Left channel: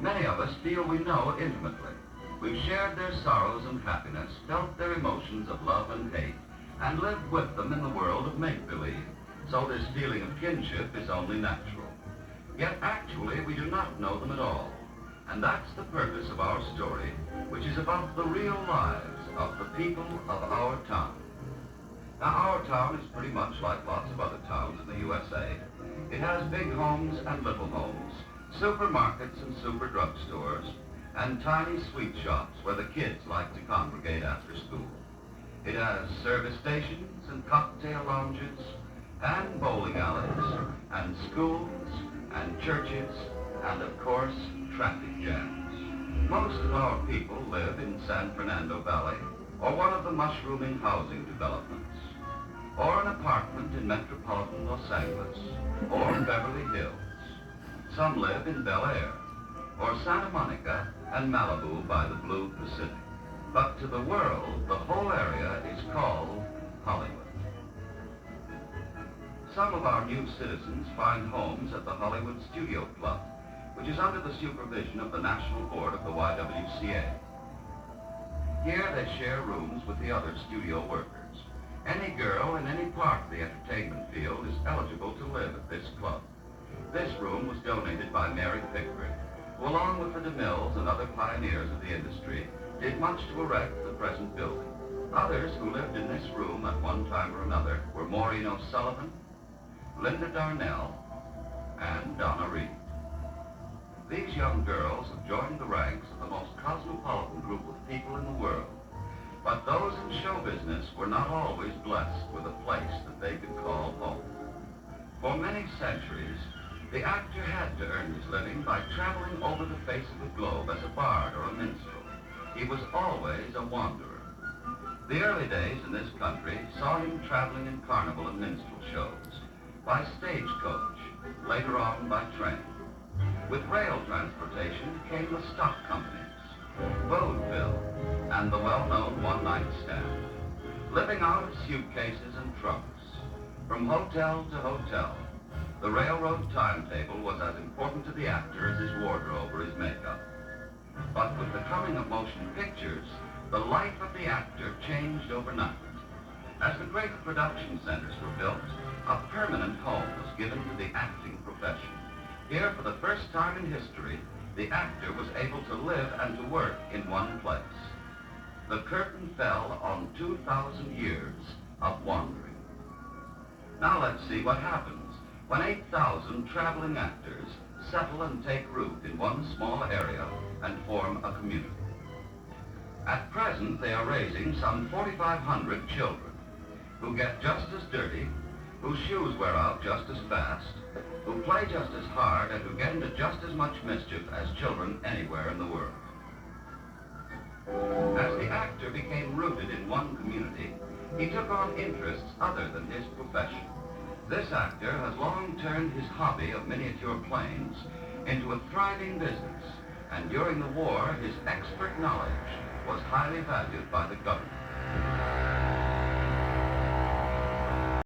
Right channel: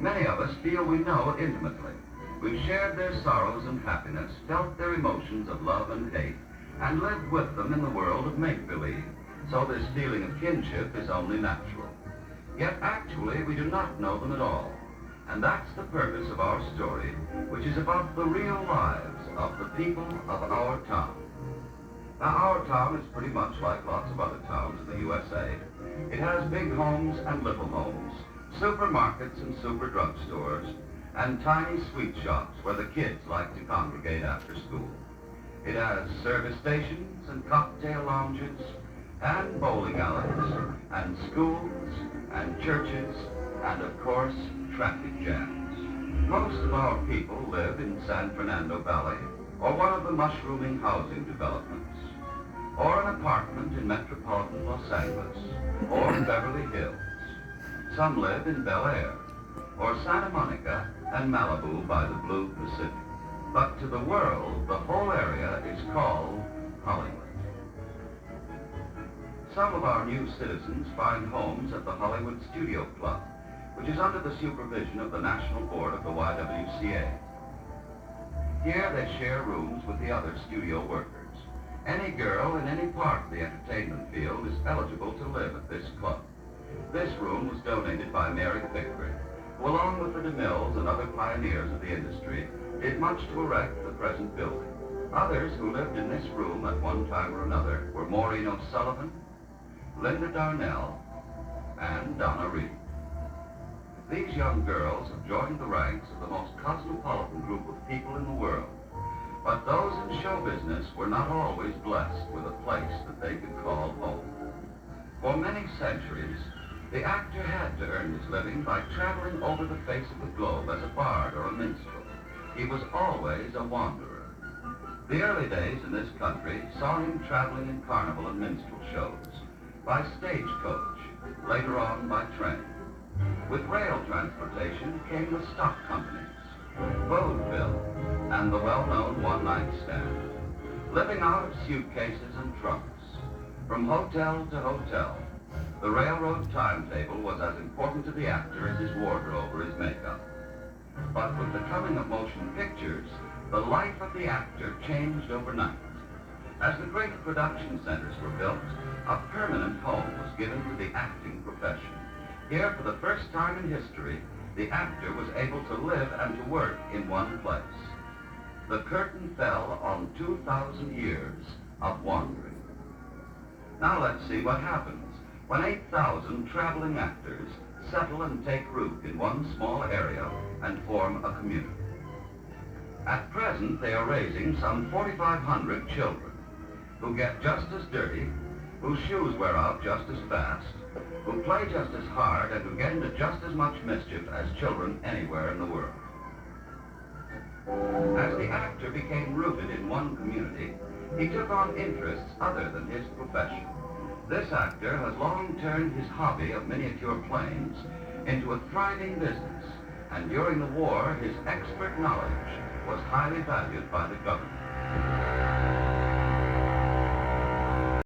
Many of us feel we know intimately. We've shared their sorrows and happiness, felt their emotions of love and hate, and lived with them in the world of make-believe. So this feeling of kinship is only natural. Yet actually we do not know them at all. And that's the purpose of our story, which is about the real lives of the people of our town. Now, our town is pretty much like lots of other towns in the USA. It has big homes and little homes, supermarkets and super drugstores, and tiny sweet shops where the kids like to congregate after school. It has service stations and cocktail lounges, and bowling alleys, and schools, and churches, and of course, traffic jams. Most of our people live in San Fernando Valley, or one of the mushrooming housing developments, or an apartment in metropolitan Los Angeles, or Beverly Hills. Some live in Bel Air, or Santa Monica and Malibu by the blue Pacific. But to the world, the whole area is called Hollywood. Some of our new citizens find homes at the Hollywood Studio Club, which is under the supervision of the National Board of the YWCA. Here they share rooms with the other studio workers. Any girl in any part of the entertainment field is eligible to live at this club. This room was donated by Mary Pickford, who along with the DeMilles and other pioneers of the industry, did much to erect the present building. Others who lived in this room at one time or another were Maureen O'Sullivan, Linda Darnell, and Donna Reed. These young girls have joined the ranks of the most cosmopolitan group of people in the world. But those in show business were not always blessed with a place that they could call home. For many centuries, the actor had to earn his living by traveling over the face of the globe as a bard or a minstrel. He was always a wanderer. The early days in this country saw him traveling in carnival and minstrel shows, by stagecoach, later on by train. With rail transportation came the stock companies, vaudeville, and the well-known one-night stand. Living out of suitcases and trunks, from hotel to hotel, the railroad timetable was as important to the actor as his wardrobe or his makeup. But with the coming of motion pictures, the life of the actor changed overnight. As the great production centers were built, a permanent home was given to the acting profession. Here, for the first time in history, the actor was able to live and to work in one place. The curtain fell on 2,000 years of wandering. Now let's see what happens when 8,000 traveling actors settle and take root in one small area and form a community. At present, they are raising some 4,500 children who get just as dirty, whose shoes wear out just as fast, who play just as hard, and who get into just as much mischief as children anywhere in the world. As the actor became rooted in one community, he took on interests other than his profession. This actor has long turned his hobby of miniature planes into a thriving business, and during the war, his expert knowledge was highly valued by the government.